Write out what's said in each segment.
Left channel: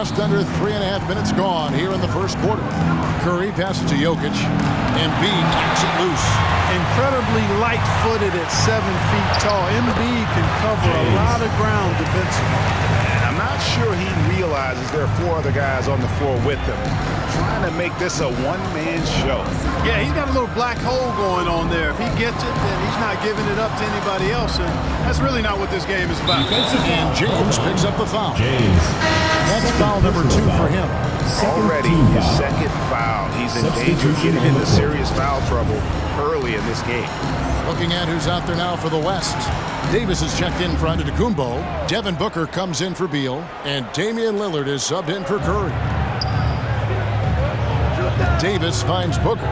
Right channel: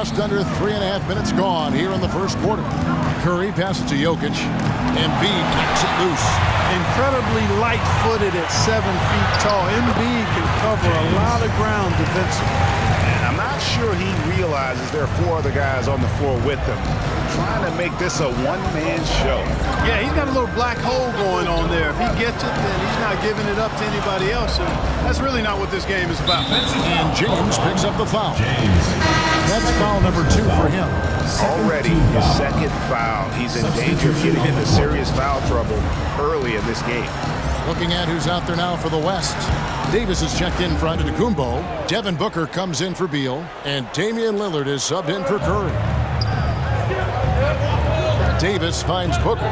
Just under 3.5 minutes gone here in the first quarter. Curry passes to Jokic. Embiid knocks it loose. Incredibly light-footed at 7 feet tall. Embiid can cover a lot of ground defensively. I'm not sure he realizes there are 4 other guys on the floor with him, trying to make this a one-man show. Yeah, he's got a little black hole going on there. If he gets it, then he's not giving it up to anybody else. And that's really not what this game is about. And James picks up the foul. That's foul number 2 for him. Already his second foul. He's in danger of getting into serious foul trouble early in this game. Looking at who's out there now for the West. Davis is checked in for Antetokounmpo. Devin Booker comes in for Beal. And Damian Lillard is subbed in for Curry. Davis finds Booker.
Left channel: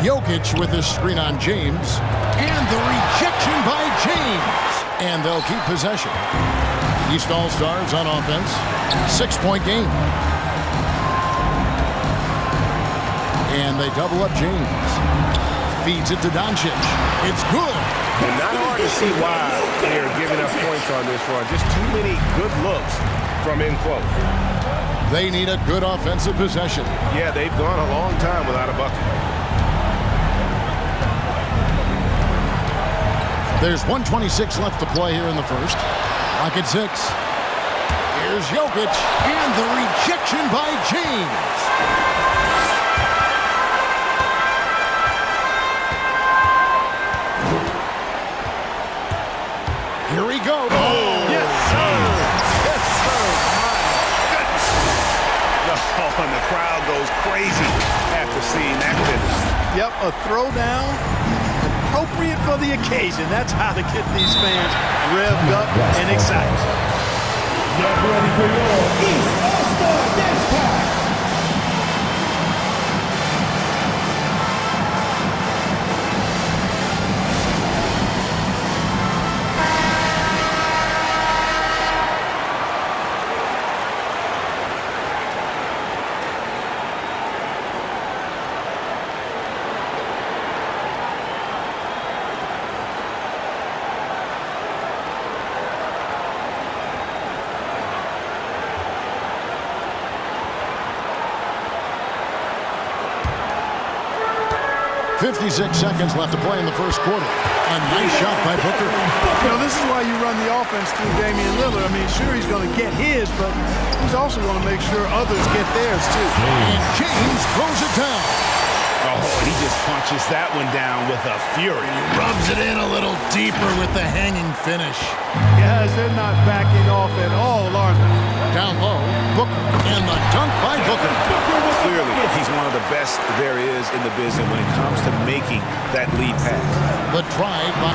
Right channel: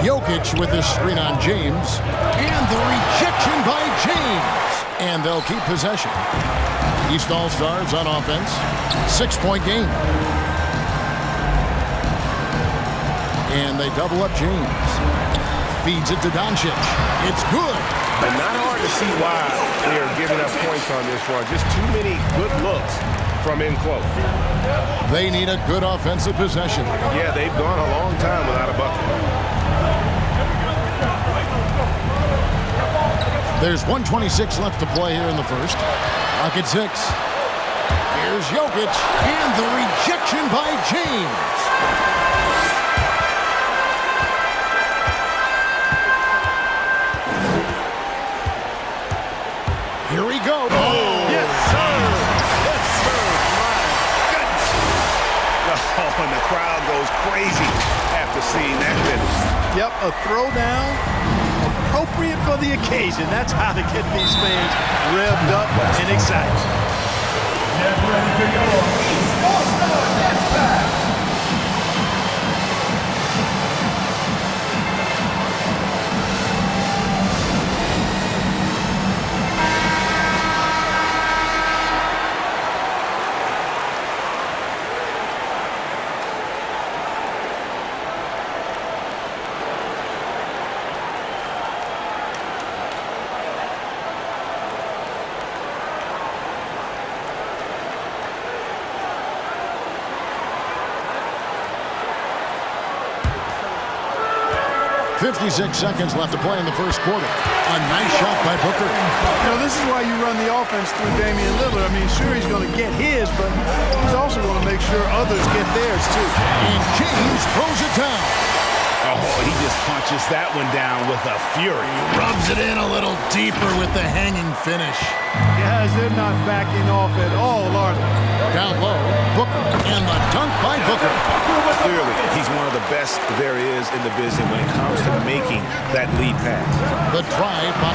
Jokic with his screen on James. And the rejection by James. And they'll keep possession. The East All-Stars on offense. 6-point game. And they double up James. Feeds it to Doncic. It's good. And not hard to see why they are giving up points on this run. Just too many good looks from in close. They need a good offensive possession. Yeah, they've gone a long time without a bucket. There's 1:26 left to play here in the first. Clock at 6. Here's Jokic. And the rejection by James. Here we go. Oh, yes, sir. Yes, sir. My goodness. Oh, and the crowd goes crazy after seeing that finish. Yep, a throwdown appropriate for the occasion. That's how to get these fans revved up and excited. Get ready for your East All-Star Dance Pack. .56 seconds left to play in the first quarter. A nice shot by Booker. You know, this is why you run the offense through Damian Lillard. I mean, sure, he's going to get his, but he's also going to make sure others get theirs, too. And James throws it down. Oh, he just punches that one down with a fury. He rubs it in a little deeper with the hanging finish. Guys, they're not backing off at all, are they? Down low, Booker, and the dunk by Booker. Clearly, he's one of the best there is in the business when it comes to making that lead pass. The drive by...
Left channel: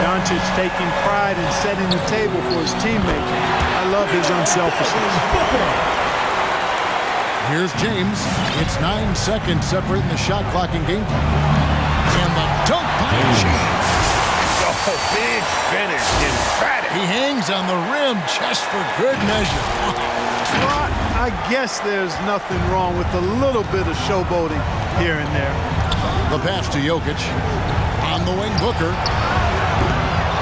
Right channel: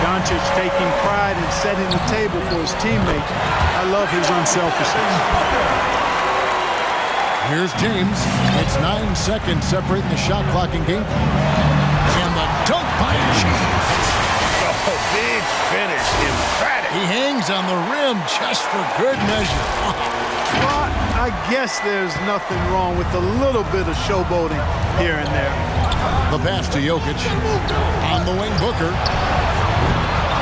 Doncic taking pride in setting the table for his teammates. I love his unselfishness. Here's James. It's 9 seconds separating the shot clock and game clock. And the dunk by James. Oh, big finish, emphatic. He hangs on the rim just for good measure. Well, I guess there's nothing wrong with a little bit of showboating here and there. The pass to Jokic. On the wing, Booker.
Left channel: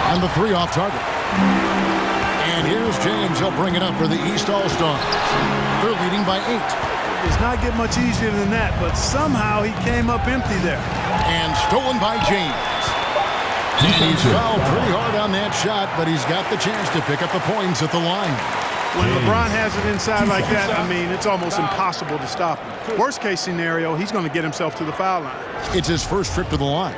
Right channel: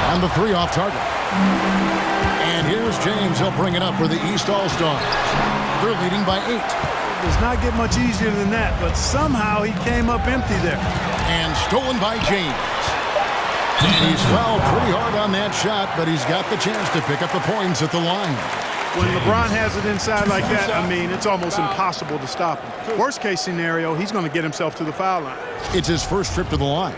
And the 3 off target. And here's James. He'll bring it up for the East All-Stars. They're leading by 8. It does not get much easier than that, but somehow he came up empty there. And stolen by James. And he's fouled pretty hard on that shot, but he's got the chance to pick up the points at the line. When LeBron has it inside like that, I mean, it's almost impossible to stop him. Worst case scenario, he's going to get himself to the foul line. It's his first trip to the line.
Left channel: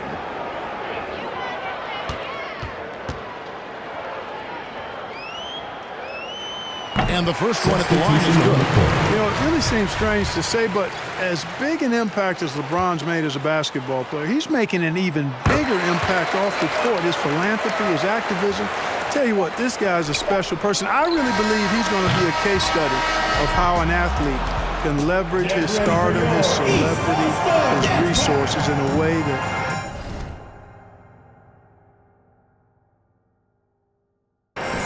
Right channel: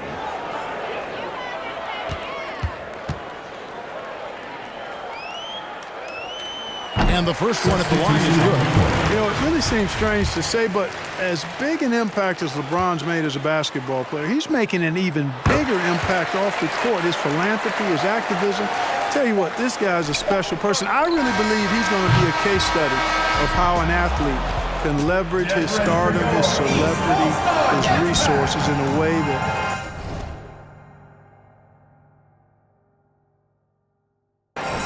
And the first one at the line is good. You know, it really seems strange to say, but as big an impact as LeBron's made as a basketball player, he's making an even bigger impact off the court. His philanthropy, his activism. Tell you what, this guy's a special person. I really believe he's going to be a case study of how an athlete can leverage his stardom, his celebrity, his resources in a way that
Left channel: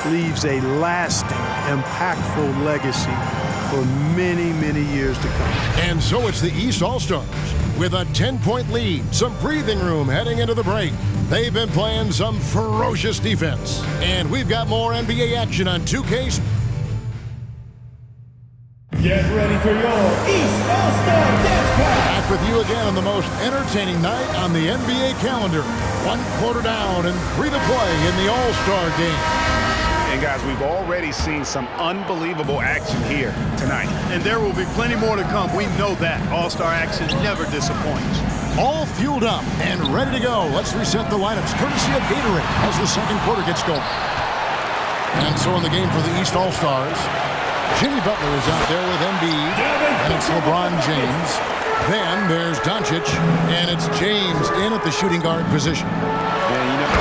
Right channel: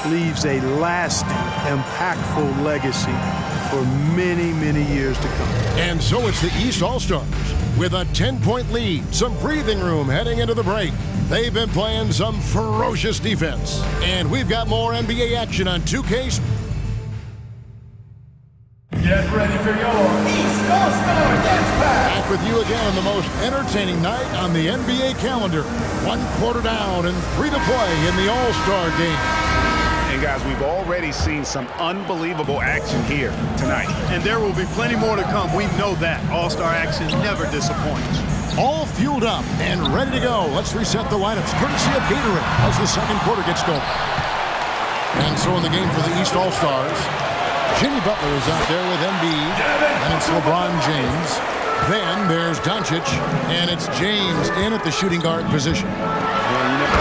leaves a lasting, impactful legacy for many, many years to come. And so it's the East All-Stars with a 10-point lead, some breathing room heading into the break. They've been playing some ferocious defense. And we've got more NBA action on 2K. Get ready for your East All-Star Dance Pack. Back with you again on the most entertaining night on the NBA calendar. 1 quarter down and 3 to play in the All-Star game. And guys, we've already seen some unbelievable action here tonight. And there will be plenty more to come. We know that. All-Star action never disappoints. All fueled up and ready to go. Let's reset the lineups courtesy of Gatorade as the second quarter gets going. And so in the game for the East All-Stars, Jimmy Butler is out there with Embiid. Then it's LeBron James. Then there's Doncic. And it's James in at the shooting guard position. And you know,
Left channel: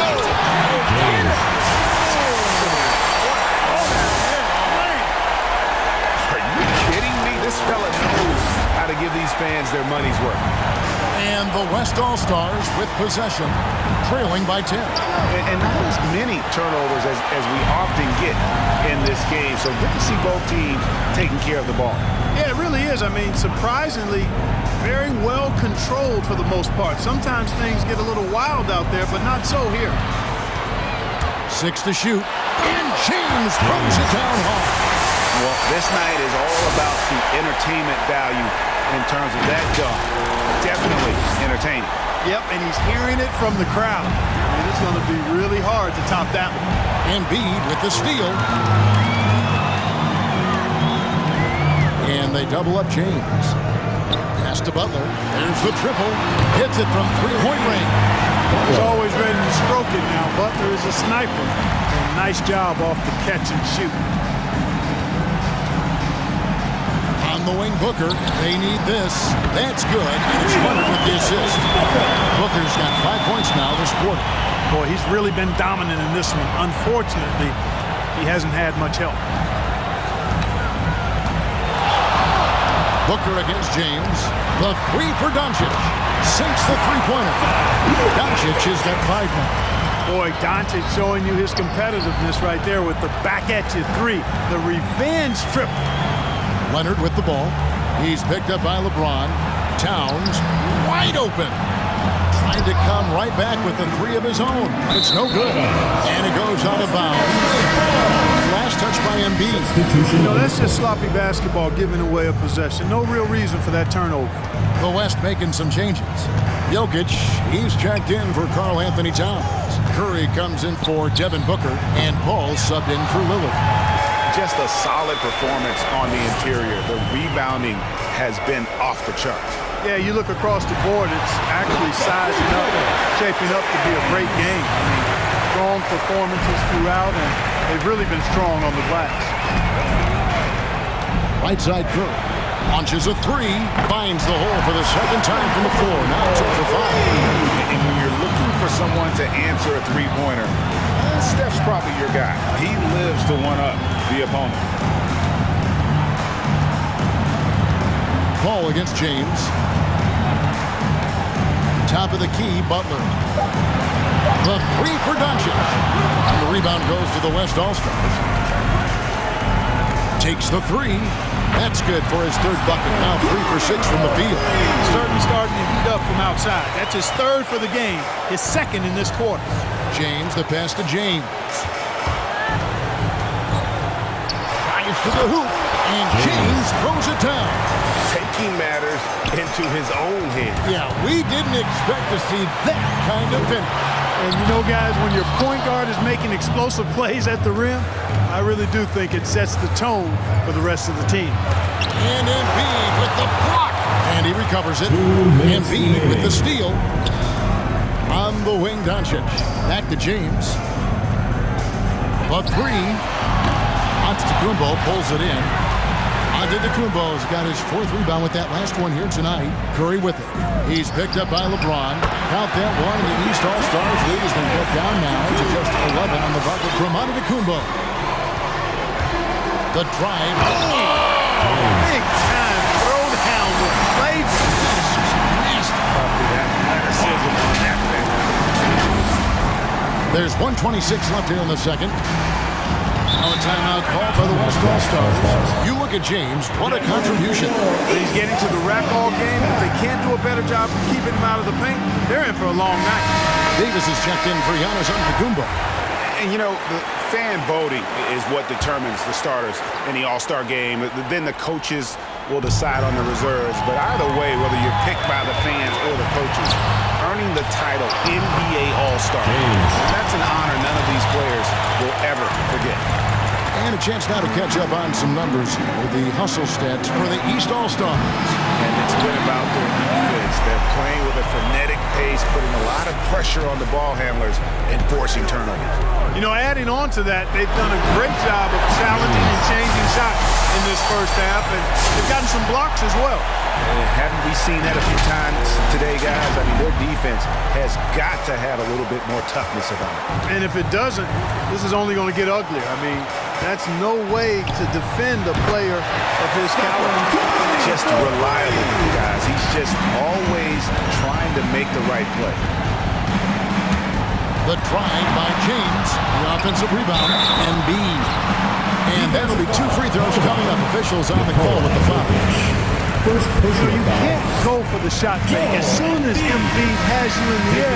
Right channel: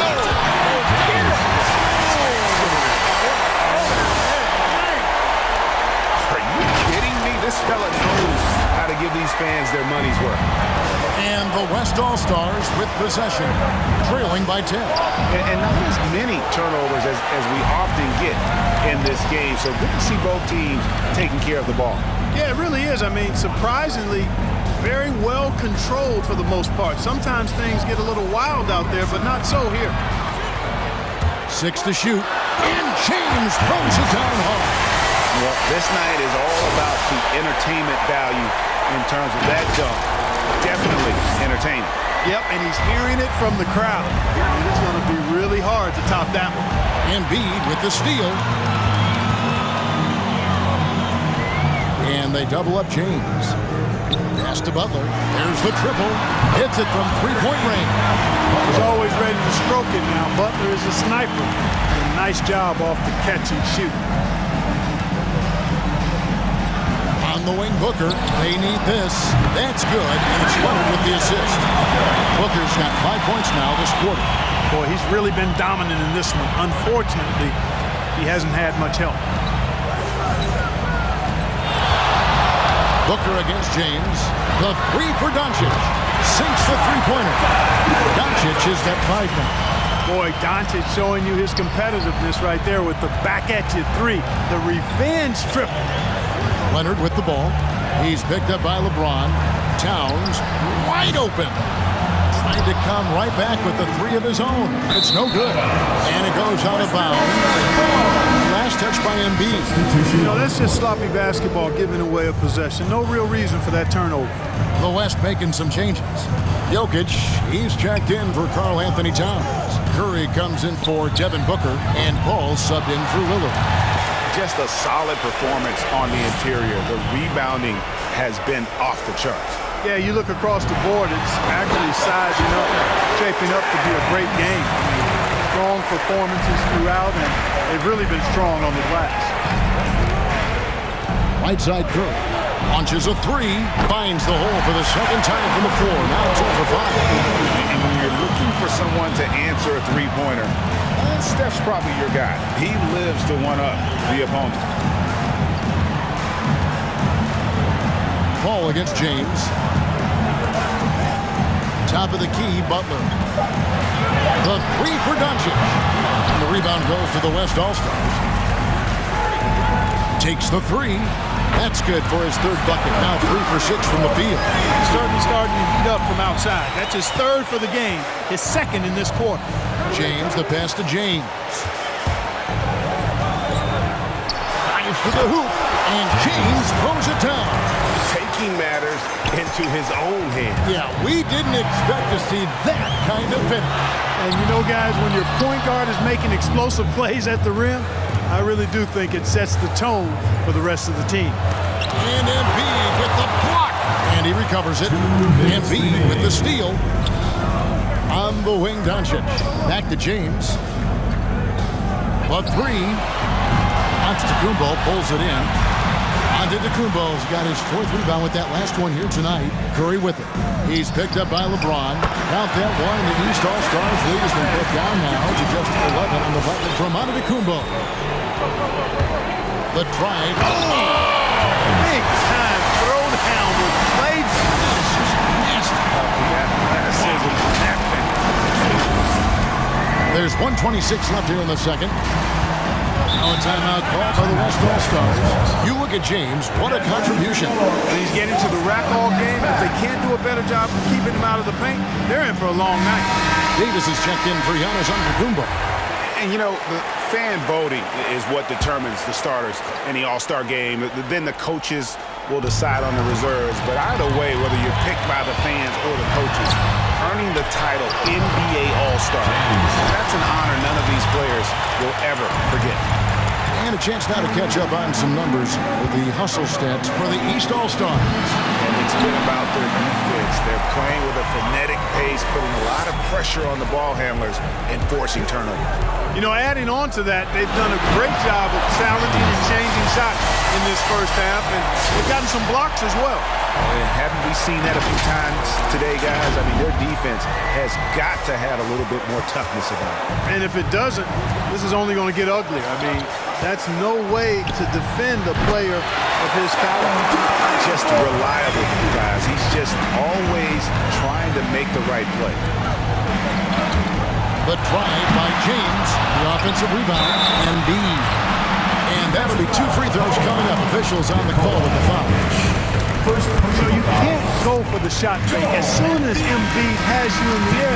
are you kidding me? This fella knows how to give these fans their money's worth. And the West All-Stars with possession, trailing by 10. And not as many turnovers as we often get in this game. So good to see both teams taking care of the ball. Yeah, it really is. I mean, surprisingly, very well controlled for the most part. Sometimes things get a little wild out there, but not so here. 6 to shoot. And James throws it down hard. Well, this night is all about the entertainment value in terms of that dunk. Definitely entertaining. Yep, and he's hearing it from the crowd. I mean, it's going to be really hard to top that one. Embiid with the steal. And they double up James. Pass to Butler. There's the triple. Hits it from three-point range. He's always ready to stroke it now. Butler is a sniper. And nice job off the catch and shoot. On the wing, Booker. They need this. That's good, and it's Leonard with the assist. Booker's got 5 points now this quarter. Boy, he's really been dominant in this one. Unfortunately, he hasn't had much help. Booker against James. The three for Doncic. Sinks the three-pointer. Doncic is that 5 now. Boy, Doncic showing you his competitiveness right there with the back-at-you three. The revenge triple. Leonard with the ball. He's picked up by LeBron. Towns wide open. Trying to come right back with the three of his own. It's no good. And it goes out of bounds. Last touch by Embiid. You know, that's just sloppy basketball, giving away a possession. No real reason for that turnover. The West making some changes. Jokic, he's checked in for Karl Anthony Towns. Curry comes in for Devin Booker. And Paul subbed in for Lillard. Just a solid performance on the interior. The rebounding has been off the charts. Yeah, you look across the board, it's actually sizing up, shaping up to be a great game. I mean, strong performances throughout, and they've really been strong on the glass. Right side Curry launches a three, finds the hole for the second time from the floor. Now 2 for 5. And when you're looking for someone to answer a three-pointer, Steph's probably your guy. He lives to one-up the opponent. Paul against James. Top of the key, Butler. The three for Doncic. And the rebound goes to the West All-Stars. Takes the three. That's good for his third bucket. Now 3 for 6 from the field. He's certainly starting to heat up from outside. That's his third for the game, his second in this quarter. James, the pass to James. Drives to the hoop, and James throws it down. Taking matters into his own hands. Yeah, we didn't expect to see that kind of finish. And you know, guys, when your point guard is making explosive plays at the rim, I really do think it sets the tone for the rest of the team. And Embiid with the block. And he recovers it. Embiid with the steal. On the wing, Doncic. Back to James. The three. Antetokounmpo pulls it in. Antetokounmpo's got his 4th rebound with that last one here tonight. Curry with it. He's picked up by LeBron. Count that one, and the East All-Stars lead has been cut down now to just 11 on the bucket from Antetokounmpo. The drive. Big time throwdown with flavor. That is just nasty. About the athleticism on that thing. There's 1:26 left here in the second. Now a timeout called by the West All-Stars. You look at James, what a contribution. He's getting to the rack all game, and if they can't do a better job of keeping him out of the paint, they're in for a long night. Davis is checked in for Giannis Antetokounmpo. And, you know, the fan voting is what determines the starters in the All-Star game. Then the coaches will decide on the reserves. But either way, whether you're picked by the fans or the coaches, earning the title NBA All-Star, that's an honor none of these players will ever forget. And a chance now to catch up on some numbers here. The hustle stats for the East All-Stars. And it's been about their defense. They're playing with a frenetic pace, putting a lot of pressure on the ball handlers and forcing turnovers. You know, adding on to that, they've done a great job of challenging and changing shots in this first half, and they've gotten some blocks as well. And haven't we seen that a few times today, guys? I mean, their defense has got to have a little bit more toughness about it. And if it doesn't, this is only going to get uglier. I mean, that's no way to defend a player of his caliber. Just reliable, guys. He's just always trying to make the right play. The drive by James, the offensive rebound, Embiid. And that'll be 2 free throws coming up. Officials on the call with the foul. So you can't go for the shot fake. As soon as Embiid has you in the air,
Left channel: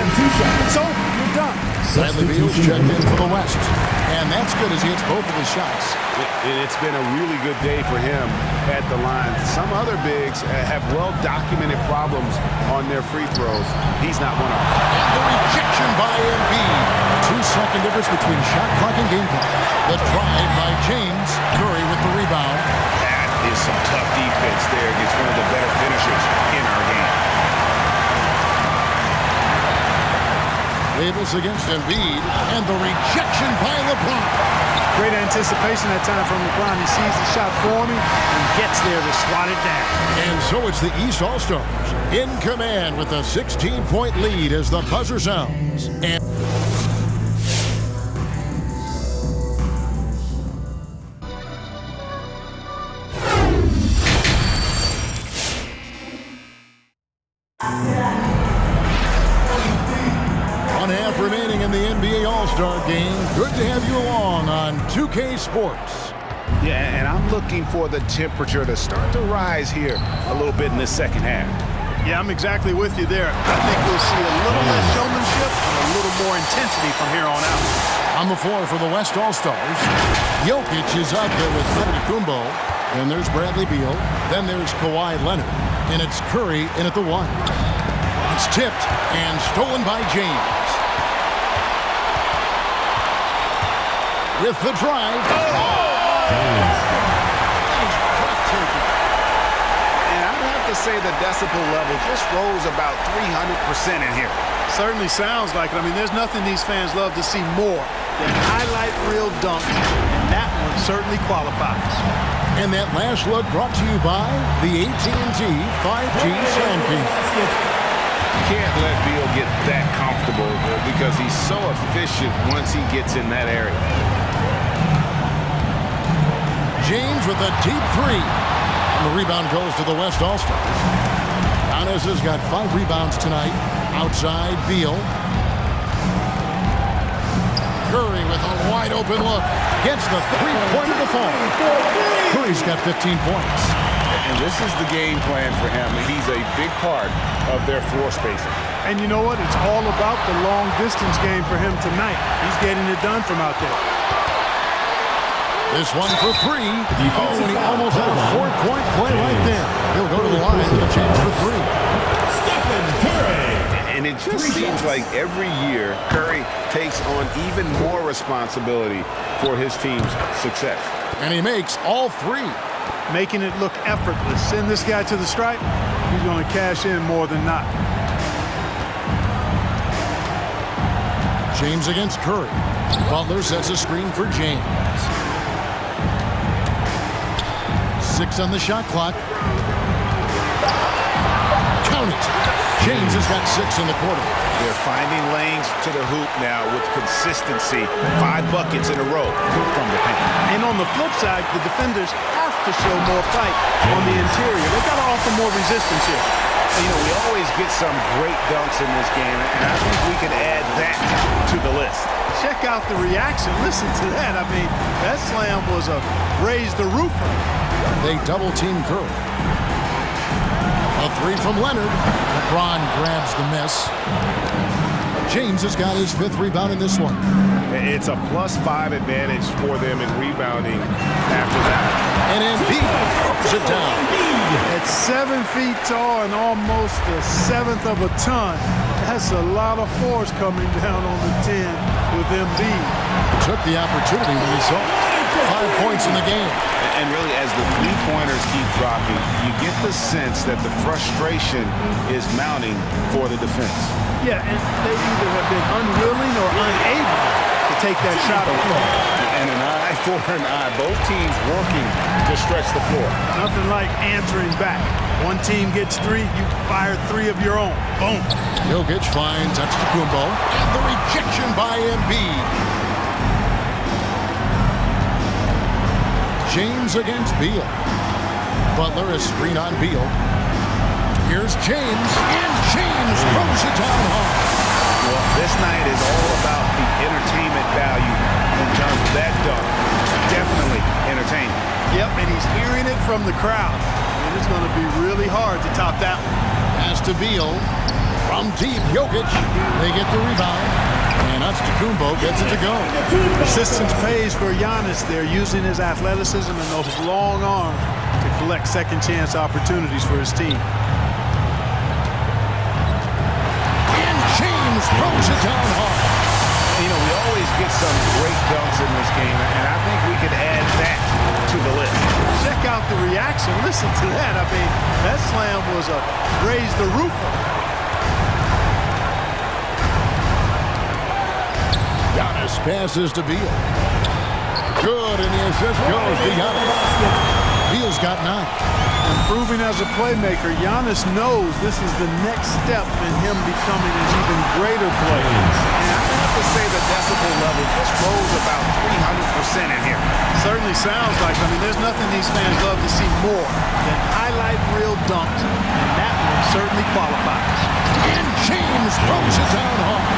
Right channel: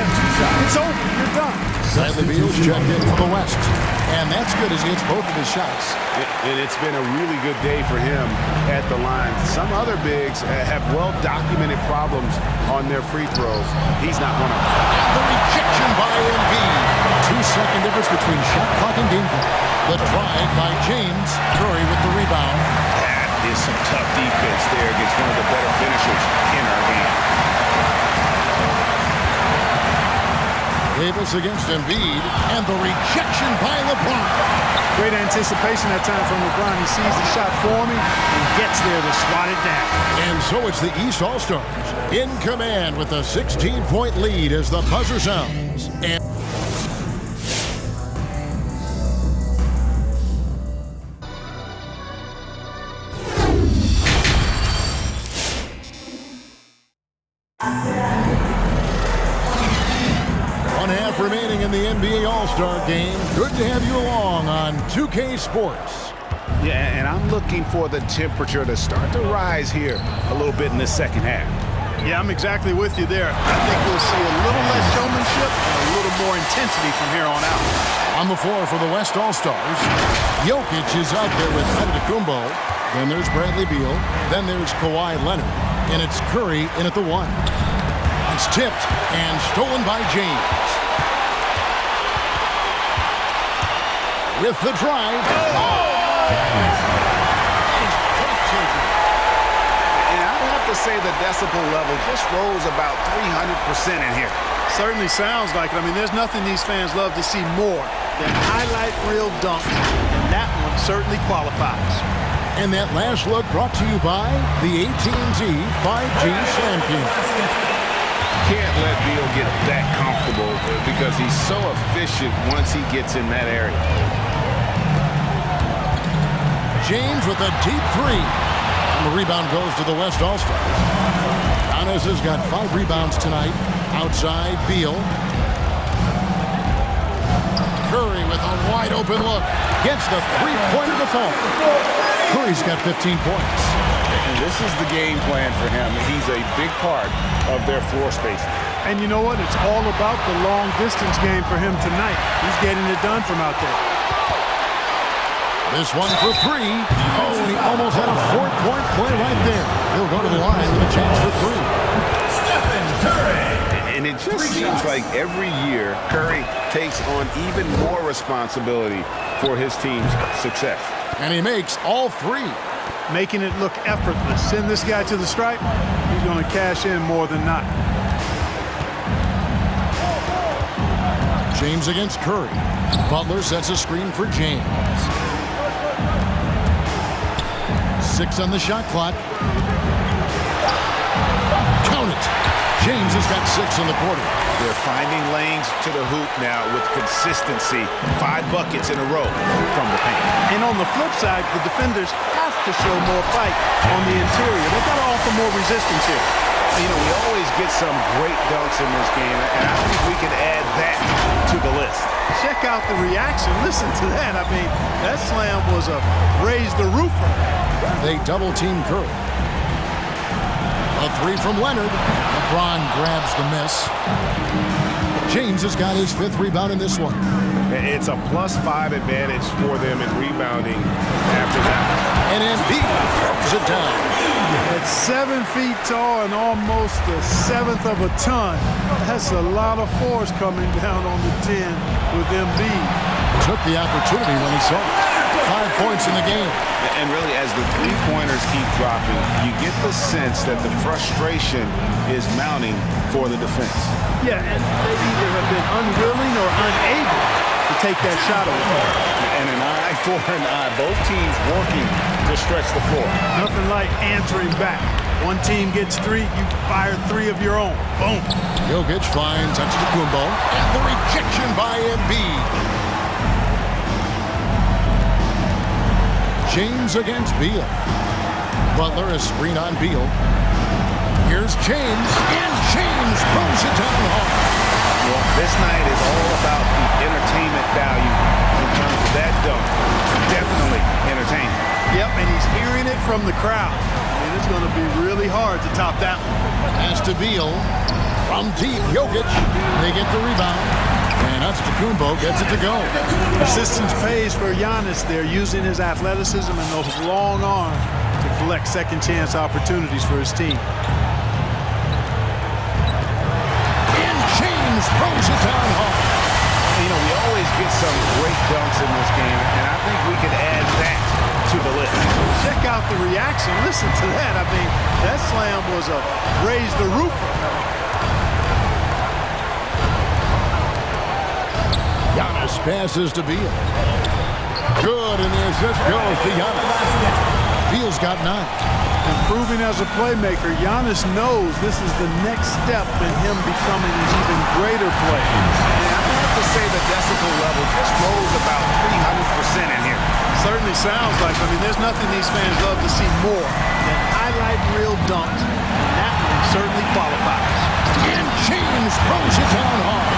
it's over. You're done. Bradley Beal's checked in for the West. And that's good as he hits both of his shots. And it's been a really good day for him at the line. Some other bigs have well-documented problems on their free throws. He's not one of them. And the rejection by Embiid. 2-second difference between shot clock and game clock. The drive by James. Curry with the rebound. That is some tough defense there against one of the better finishers in our game. Davis against Embiid, and the rejection by LeBron. Great anticipation that time from LeBron. He sees the shot forming and gets there to swat it down. And so it's the East All-Stars in command with a 16-point lead as the buzzer sounds. And half remaining in the NBA All-Star game. Good to have you along on 2K Sports. Yeah, and I'm looking for the temperature to start to rise here a little bit in the second half. Yeah, I'm exactly with you there. I think we'll see a little less showmanship and a little more intensity from here on out. On the floor for the West All-Stars, Jokic is out there with Antetokounmpo. Then there's Bradley Beal. Then there's Kawhi Leonard. And it's Curry in at the 1. It's tipped and stolen by James. With the drive. That is breathtaking. And I'd have to say the decibel level just rose about 300% in here. Certainly sounds like it. I mean, there's nothing these fans love to see more than highlight reel dunks, and that one certainly qualifies. And that last look brought to you by the AT&T 5G Slam King. Can't let Beal get that comfortable because he's so efficient once he gets in that area. James with a deep 3. And the rebound goes to the West All-Stars. Giannis has got 5 rebounds tonight. Outside, Beal. Curry with a wide open look. Gets the 3-pointer to fall. Curry's got 15 points. And this is the game plan for him. He's a big part of their floor spacing. And you know what? It's all about the long-distance game for him tonight. He's getting it done from out there. This one for 3. Oh, and he almost had a 4-point play right there. He'll go to the line with a chance for 3. Stephen Curry. And it just seems like every year Curry takes on even more responsibility for his team's success. And he makes all 3. Making it look effortless. Send this guy to the stripe. He's going to cash in more than not. James against Curry. Butler sets a screen for James. 6 on the shot clock. Count it. James has got 6 in the quarter. They're finding lanes to the hoop now with consistency. 5 buckets in a row from the paint. And on the flip side, the defenders have to show more fight on the interior. They've got to offer more resistance here. You know, we always get some great dunks in this game, and I think we can add that to the list. Check out the reaction. Listen to that. I mean, that slam was a raise the roofer. They double-team Curry. A 3 from Leonard. LeBron grabs the miss. James has got his 5th rebound in this one. It's a +5 advantage for them in rebounding after that. And Embiid throws it down. At 7 feet tall and almost a 1/7 of a ton, that's a lot of force coming down on the 10 with Embiid. Took the opportunity when he saw it. 5 points in the game. And really, as the three-pointers keep dropping, you get the sense that the frustration is mounting for the defense. Yeah, and they either have been unwilling or unable to take that shot away. And an eye for an eye. Both teams working to stretch the floor. Nothing like answering back. One team gets 3, you fire 3 of your own. Boom. Jokic finds Antetokounmpo, and the rejection by Embiid. James against Beal. Butler is screen on Beal. Here's James, and James throws it down hard. Well, this night is all about the entertainment value in terms of that dunk. Definitely entertaining. Yep, and he's hearing it from the crowd. I mean, it's going to be really hard to top that one. Pass to Beal. From deep, Jokic. They get the rebound. And Antetokounmpo gets it to go. Persistence pays for Giannis there, using his athleticism and those long arms to collect second-chance opportunities for his team. And James throws it down hard. You know, we always get some great dunks in this game, and I think we could add that to the list. Check out the reaction. Listen to that. I mean, that slam was a raise the roofer. Giannis passes to Beal. Good, and the assist goes to Giannis. Beal's got 9. Improving as a playmaker, Giannis knows this is the next step in him becoming an even greater player. And I have to say the decibel level just rose about 300% in here. Certainly sounds like, I mean, there's nothing these fans love to see more than highlight reel dunks, and that one certainly qualifies. And James throws it down hard.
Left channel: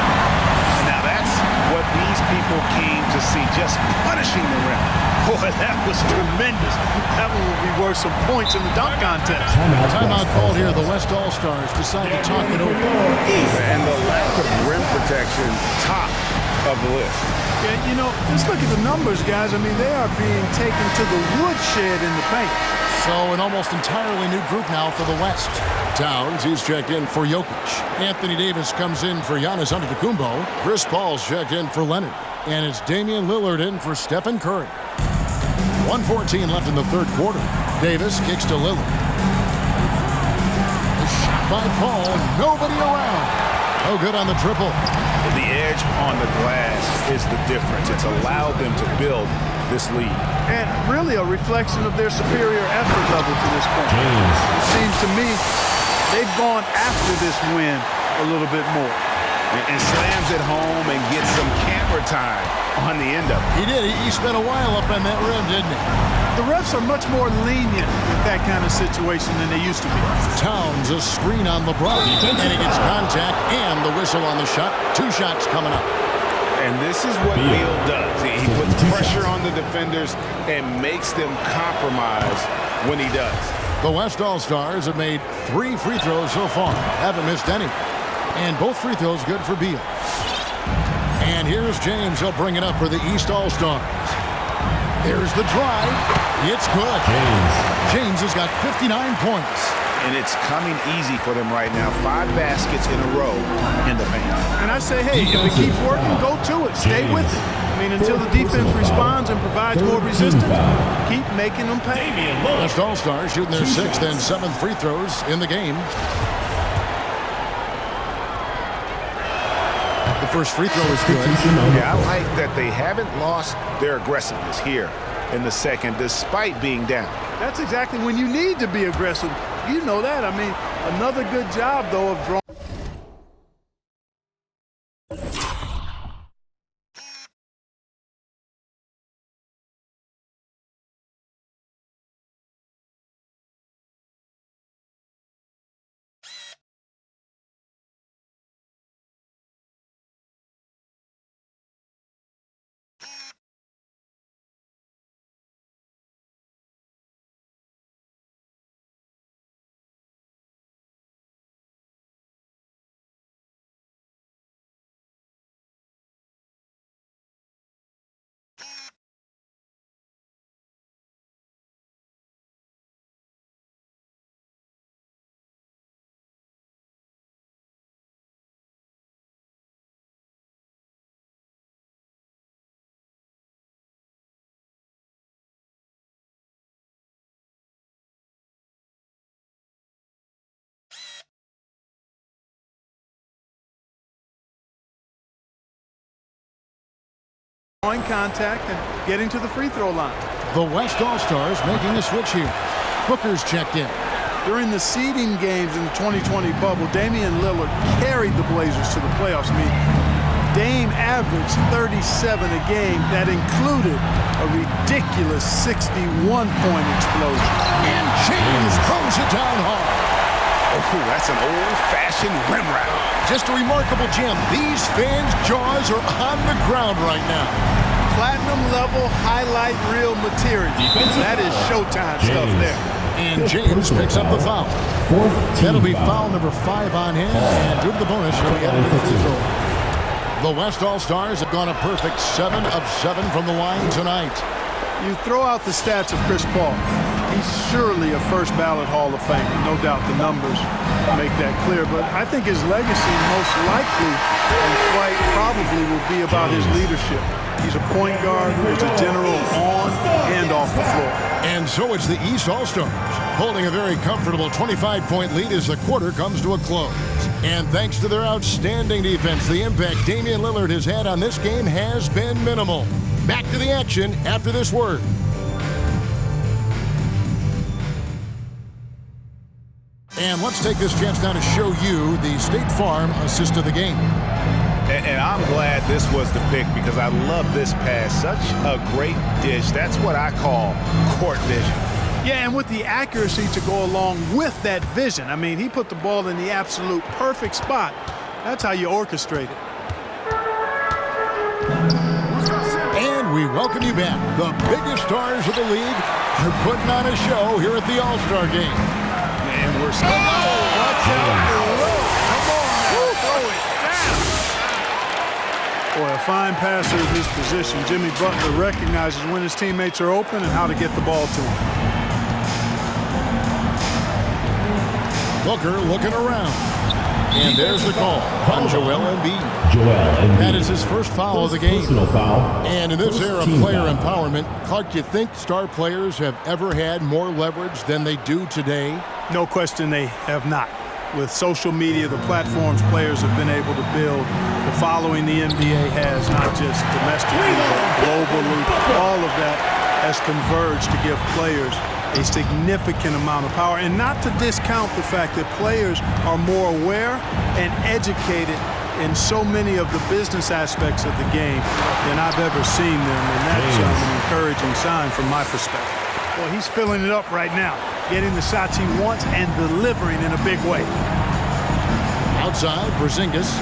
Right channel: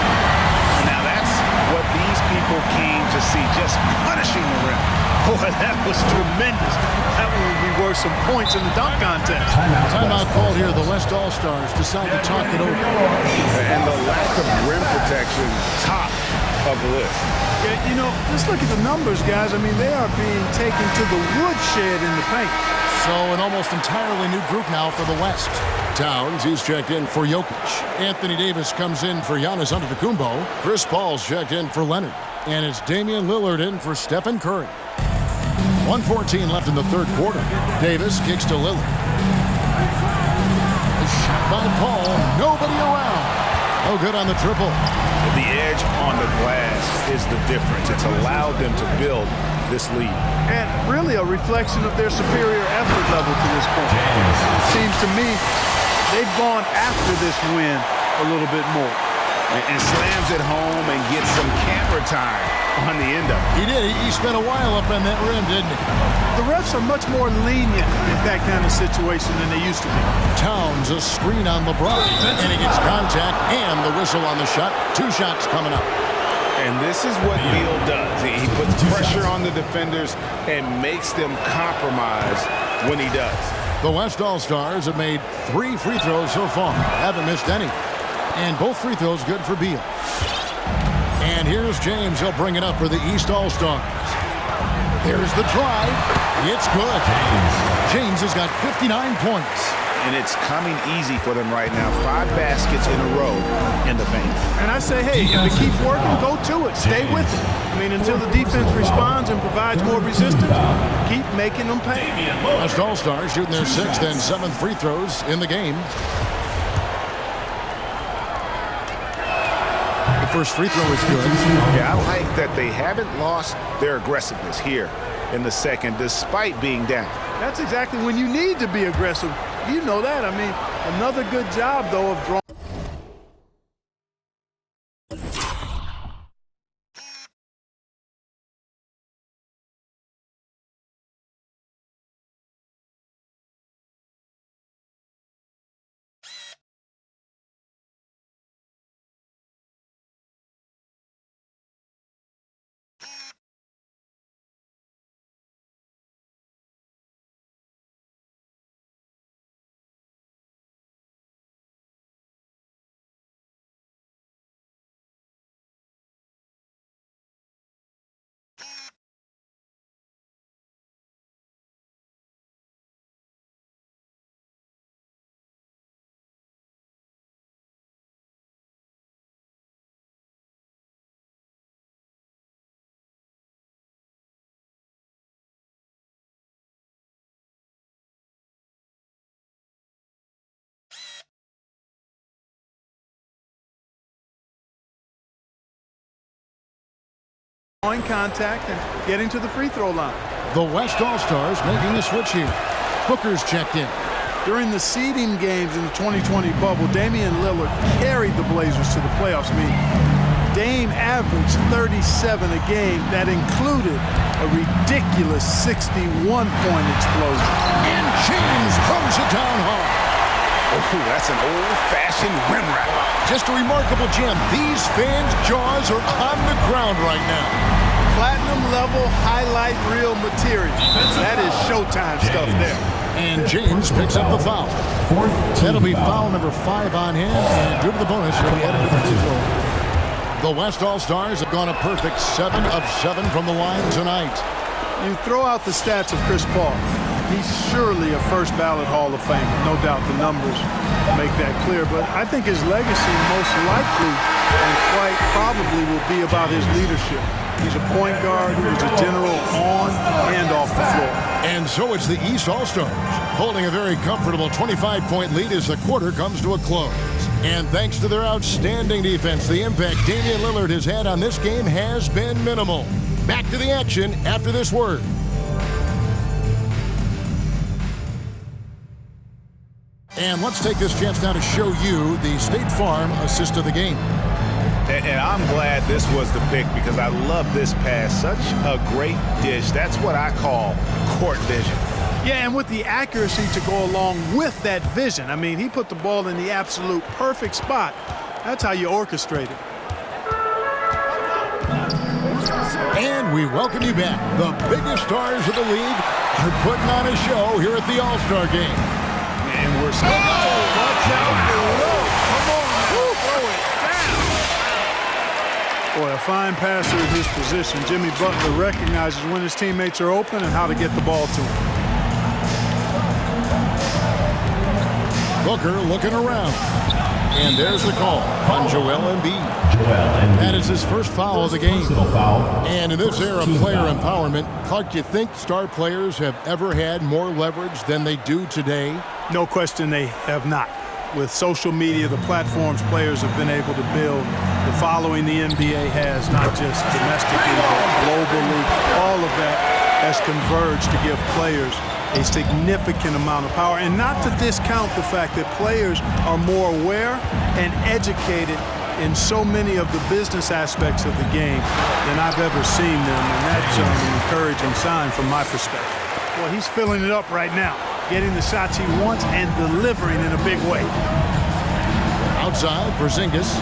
And now that's what these people came to see, just punishing the rim. Boy, that was tremendous. That one would be worth some points in the dunk contest. Timeout called here. The West All-Stars decide to talk it over. And the lack of rim protection, top of the list. Yeah, you know, just look at the numbers, guys. I mean, they are being taken to the woodshed in the paint. So an almost entirely new group now for the West. Towns, he's checked in for Jokic. Anthony Davis comes in for Giannis Antetokounmpo. Chris Paul's checked in for Leonard. And it's Damian Lillard in for Stephen Curry. 1:14 left in the third quarter. Davis kicks to Lillard. A shot by Paul. Nobody around. No good on the triple. The edge on the glass is the difference. It's allowed them to build this lead. And really a reflection of their superior effort level to this point. It seems to me they've gone after this win a little bit more. And slams it home and gets some camera time on the end of it. He did. He spent a while up on that rim, didn't he? The refs are much more lenient in that kind of situation than they used to be. Towns, a screen on LeBron. And he gets contact and the whistle on the shot. 2 shots coming up. And this is what Beal does. He puts pressure on the defenders and makes them compromise when he does. The West All-Stars have made 3 free throws so far. Haven't missed any. And both free throws good for Beal. And here's James. He'll bring it up for the East All-Stars. There's the drive. It's good. James has got 59 points. And it's coming easy for them right now. 5 baskets in a row in the paint. And I say, hey, if it keeps working, go to it. Stay with it. I mean, until the defense responds and provides more resistance, keep making them pay. West All-Stars shooting their 6th and 7th free throws in the game. The first free throw is good. Yeah, I like that they haven't lost their aggressiveness here in the second, despite being down. That's exactly when you need to be aggressive. You know that. I mean, another good job, though, of drawing. drawing contact and getting to the free throw line. The West All-Stars making a switch here. Booker's checked in. During the seeding games in the 2020 bubble, Damian Lillard carried the Blazers to the playoffs. Dame averaged 37 a game. That included a ridiculous 61-point explosion. And James throws it down hard. Oh, that's an old-fashioned rim rattler. Just a remarkable gem. These fans' jaws are on the ground right now. Platinum-level highlight reel material. That is Showtime stuff there. And James picks up the foul. That'll be foul number 5 on him, and due to the bonus, he'll be headed to the free throw line. The West All-Stars have gone a perfect 7 of 7 from the line tonight. You throw out the stats of Chris Paul. He's surely a first-ballot Hall of Famer. No doubt the numbers make that clear. But I think his legacy most likely and quite probably will be about his leadership. He's a point guard who was a general on and off the floor. And so it's the East All-Stars holding a very comfortable 25-point lead as the quarter comes to a close. And thanks to their outstanding defense, the impact Damian Lillard has had on this game has been minimal. Back to the action after this word. And let's take this chance now to show you the State Farm assist of the game. And I'm glad this was the pick because I love this pass. Such a great dish. That's what I call court vision. Yeah, and with the accuracy to go along with that vision. I mean, he put the ball in the absolute perfect spot. That's how you orchestrate it. And we welcome you back. The biggest stars of the league are putting on a show here at the All-Star Game. And we're still Watch out below. Come on now, throw it down. Boy, a fine passer in his position. Jimmy Butler recognizes when his teammates are open and how to get the ball to him. Booker looking around. And there's the call on Joel Embiid. Joel Embiid. That is his first foul of the game. Personal foul. And in this era of player empowerment, Clark, do you think star players have ever had more leverage than they do today? No question they have not. With social media, the platforms players have been able to build, the following the NBA has, not just domestically, but globally, all of that has converged to give players a significant amount of power. And not to discount the fact that players are more aware and educated in so many of the business aspects of the game than I've ever seen them. And that's an encouraging sign from my perspective. Well, he's filling it up right now, getting the shots he wants and delivering in a big way. Outside, Porzingis.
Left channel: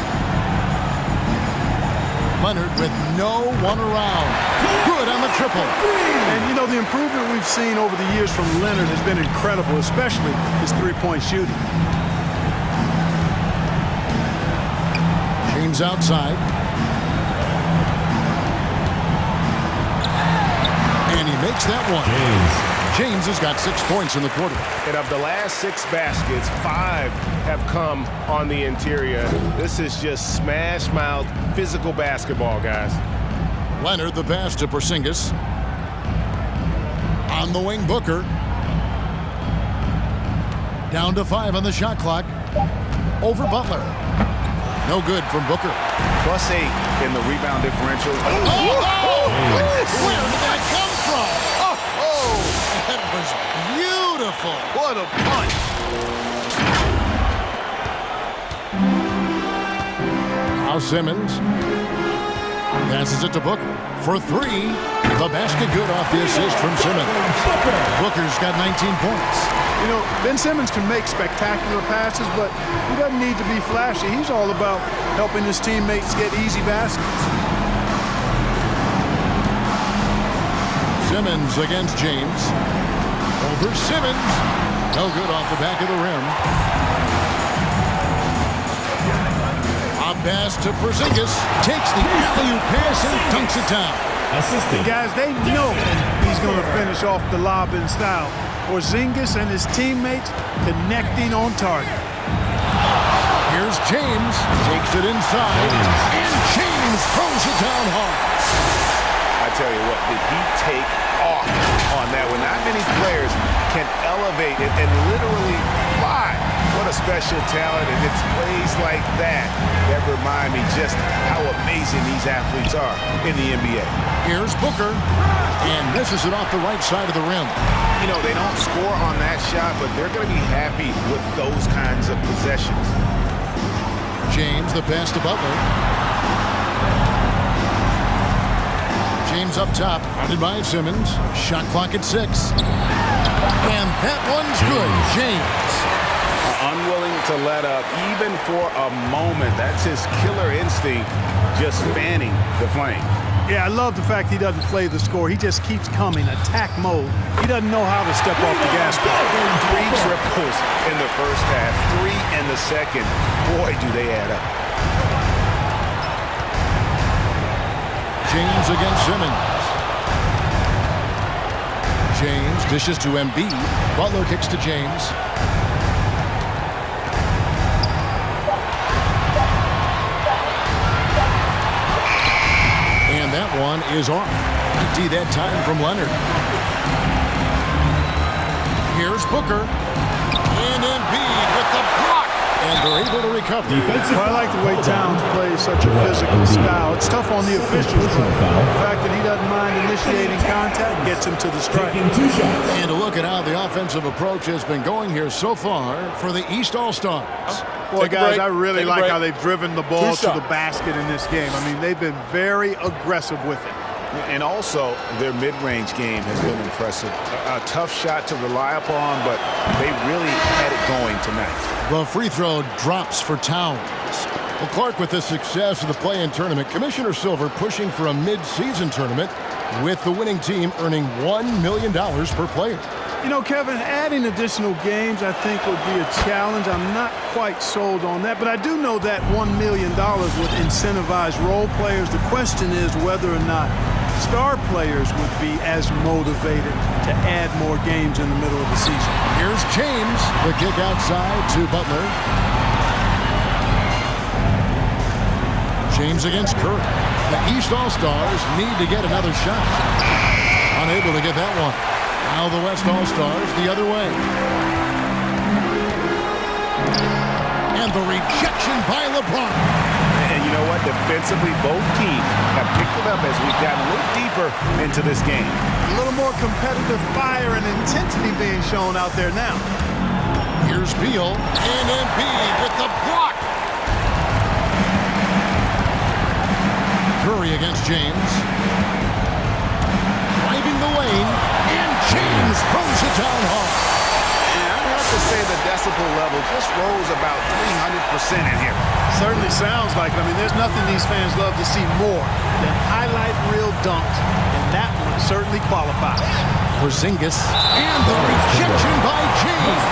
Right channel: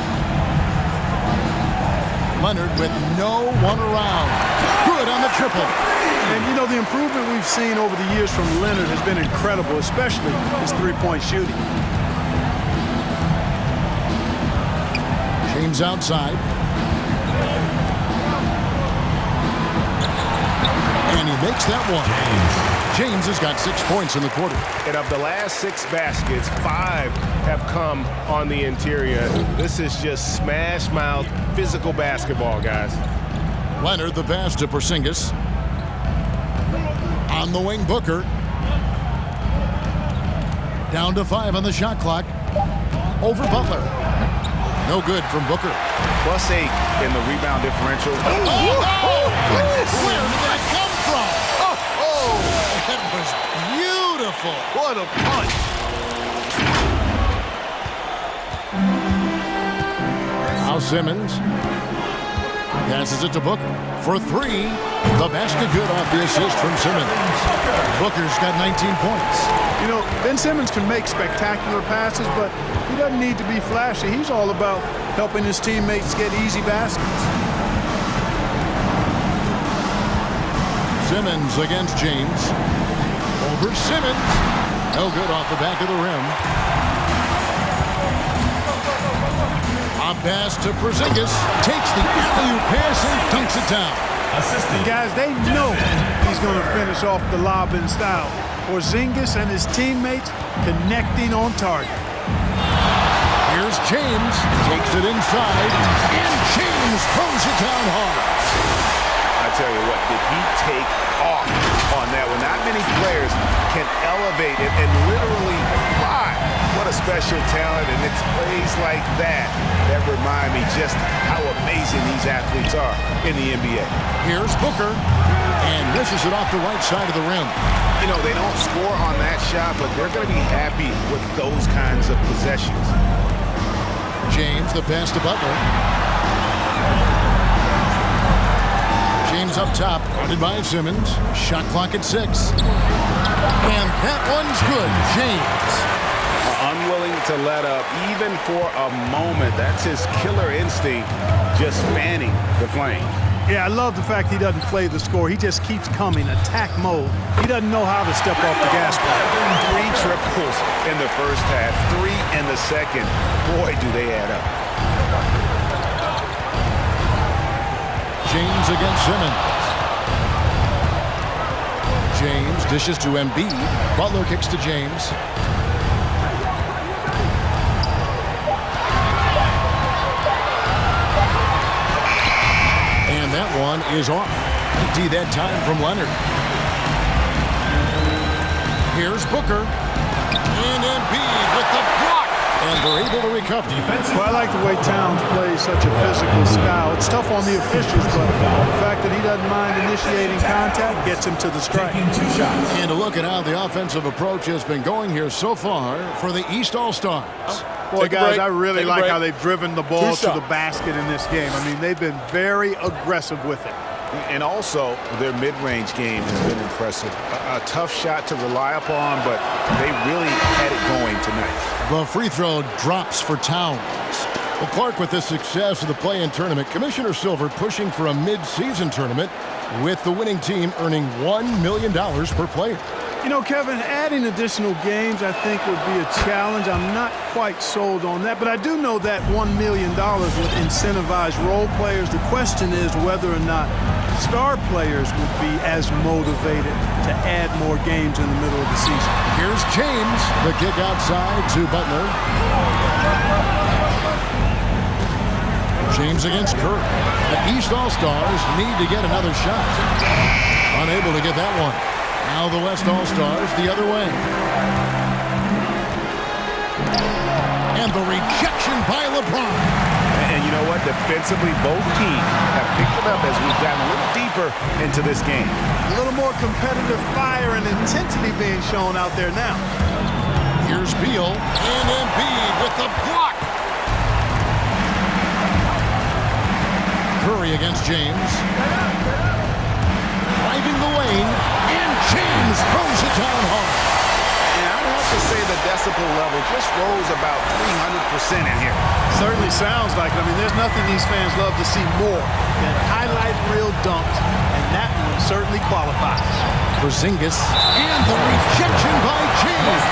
Leonard with no one around. Good on the triple. And, you know, the improvement we've seen over the years from Leonard has been incredible, especially his three-point shooting. James outside. And he makes that one. James has got 6 points in the quarter. And of the last 6 baskets, 5 have come on the interior. This is just smash mouth physical basketball, guys. Leonard the pass to Porzingis. On the wing, Booker. Down to 5 on the shot clock. Over Butler. No good from Booker. +8 in the rebound differential. Oh, goodness! Where did that come from? Oh, that was beautiful. What a punch. Now Simmons passes it to Booker for 3. The basket good off the assist from Simmons. Booker's got 19 points. You know, Ben Simmons can make spectacular passes, but he doesn't need to be flashy. He's all about helping his teammates get easy baskets. Simmons against James. Over Simmons. No good off the back of the rim. A pass to Porzingis. Takes the alley-oop pass and dunks it down. Assistant. Guys, they know he's going to finish off the lob in style. Porzingis and his teammates connecting on target. Here's James. Takes it inside. And James throws it down hard. I tell you what, did he take off on that one? Not many players can elevate it and literally fly. What What a special talent, and it's plays like that that remind me just how amazing these athletes are in the NBA. Here's Booker, and misses it off the right side of the rim. You know, they don't score on that shot, but they're going to be happy with those kinds of possessions. James, the pass to Butler. James up top, guarded by Simmons. Shot clock at 6. And that one's good. James. Unwilling to let up, even for a moment. That's his killer instinct, just fanning the flames. Yeah, I love the fact he doesn't play the score. He just keeps coming, attack mode. He doesn't know how to step off the gas pedal. 3 triples in the first half, 3 in the second. Boy, do they add up. James against Simmons. James dishes to Embiid. Butler kicks to James. And that one is off. Empty that time from Leonard. Here's Booker. And Embiid with the block. And they're able to recover. Well, I like the way Towns plays such a physical style. It's tough on the officials, but the fact that he doesn't mind initiating contact gets him to the strike. And a look at how the offensive approach has been going here so far for the East All-Stars. Boy, guys, I really like how they've driven the ball to the basket in this game. I mean, they've been very aggressive with it. And also, their mid-range game has been impressive. A tough shot to rely upon, but they really had it going tonight. The free throw drops for Towns. Well, Clark, with the success of the play-in tournament, Commissioner Silver pushing for a mid-season tournament with the winning team earning $1 million per player. You know, Kevin, adding additional games I think would be a challenge. I'm not quite sold on that, but I do know that $1 million would incentivize role players. The question is whether or not star players would be as motivated to add more games in the middle of the season. Here's James. The kick outside to Butler. James against Curry. The East All-Stars need to get another shot. Unable to get that one. Now the West All-Stars the other way. And the rejection by LeBron. And you know what? Defensively, both teams have picked it up as we've gotten a little deeper into this game. A little more competitive fire and intensity being shown out there now. Here's Beal and Embiid with the block. Curry against James. Driving the lane, and James throws it down hard. And I'd have to say the decibel level just rose about 300% in here. Certainly sounds like it. I mean, there's nothing these fans love to see more than highlight reel dunks, and that one certainly qualifies. Porzingis, and the rejection by James.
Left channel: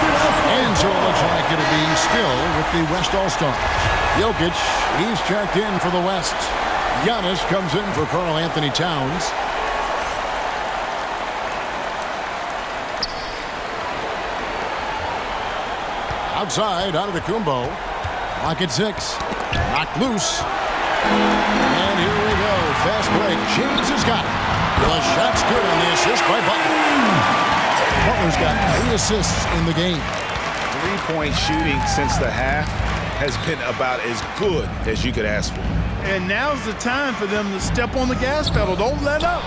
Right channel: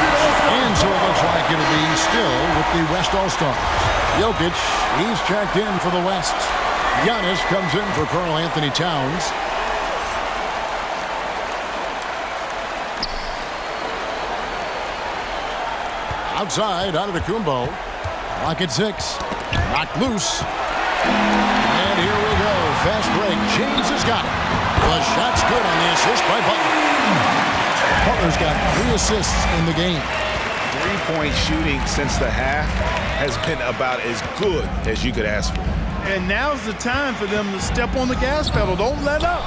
And so it looks like it'll be still with the West All-Stars. Jokic, he's checked in for the West. Giannis comes in for Karl Anthony Towns. Outside, Antetokounmpo. Clock at 6. Knocked loose. And here we go. Fast break. James has got it. The shot's good on the assist by Butler. Butler's got 3 assists in the game. 3-point shooting since the half has been about as good as you could ask for. And now's the time for them to step on the gas pedal. Don't let up.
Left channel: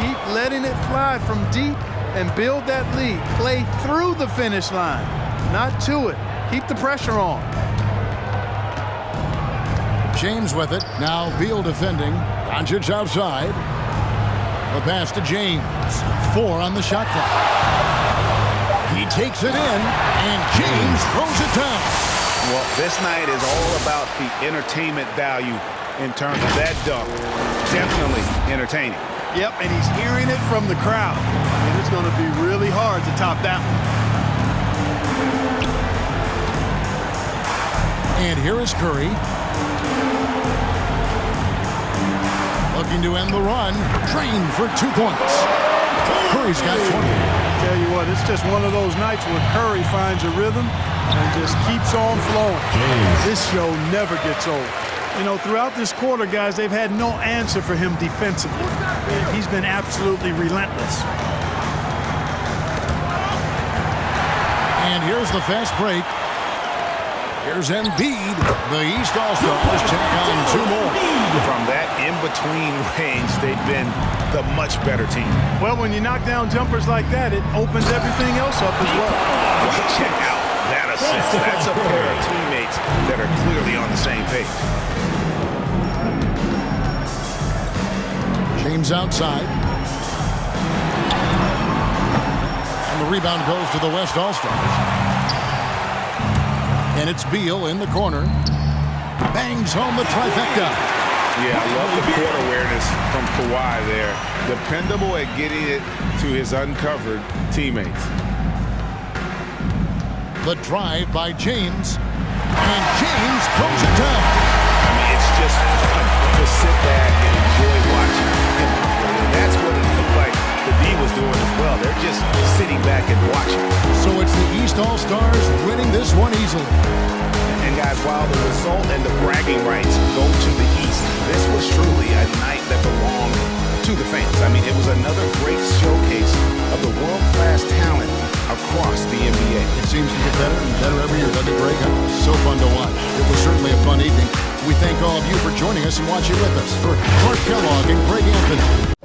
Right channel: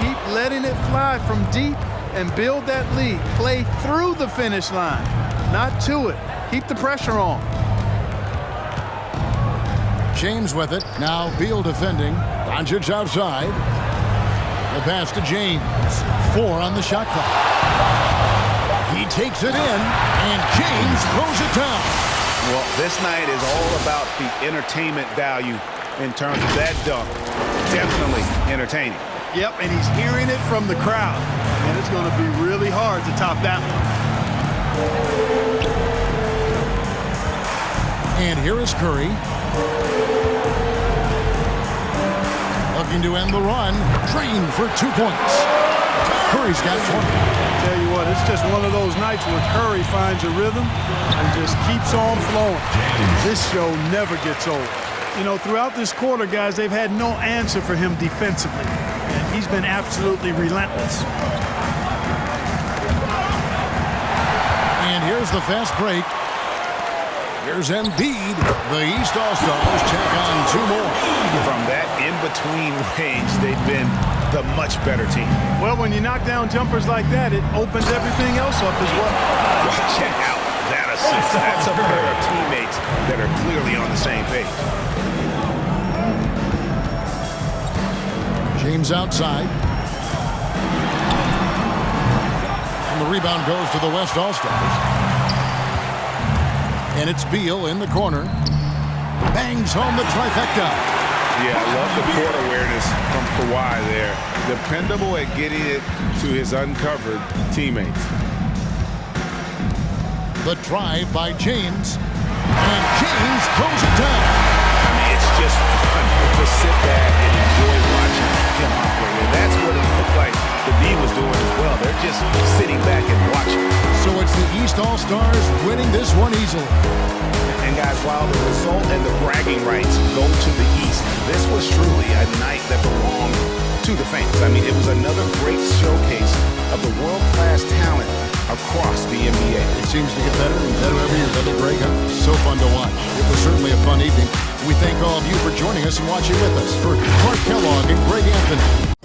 Keep letting it fly from deep and build that lead. Play through the finish line, not to it. Keep the pressure on. James with it. Now Beal defending. Doncic outside. The pass to James. 4 on the shot clock. He takes it in, and James throws it down. Well, this night is all about the entertainment value in terms of that dunk. Definitely entertaining. Yep, and he's hearing it from the crowd. I mean, it's going to be really hard to top that one. And here is Curry. Looking to end the run. Drained for 2 points. Curry's got 20. Tell you what, it's just one of those nights where Curry finds a rhythm and just keeps on flowing. This show never gets old. You know, throughout this quarter, guys, they've had no answer for him defensively. And he's been absolutely relentless. And here's the fast break. Here's Embiid. The East All-Stars tack on 2 more. From that in-between range, they've been the much better team. Well, when you knock down jumpers like that, it opens everything else up as well. Well, check out that assist. That's a pair of teammates that are clearly on the same page. James outside. And the rebound goes to the West All-Stars. And it's Beal in the corner. Bangs home the trifecta. Yeah, I love the court awareness from Kawhi there. Dependable at getting it to his uncovered teammates. The drive by James. And James throws it down. I mean, it's just fun to sit back and enjoy watching him operate. And that's what it looked like the D was doing as well. They're just sitting back and watching. So it's the East All-Stars winning this one easily. And guys, while the result and the bragging rights go to the East, this was truly a night that belonged to the fans. I mean, it was another great showcase of the world-class talent across the NBA. It seems to get better and better every year, doesn't it, Greg? So fun to watch. It was certainly a fun evening. We thank all of you for joining us and watching with us. For Clark Kellogg and Greg Anthony.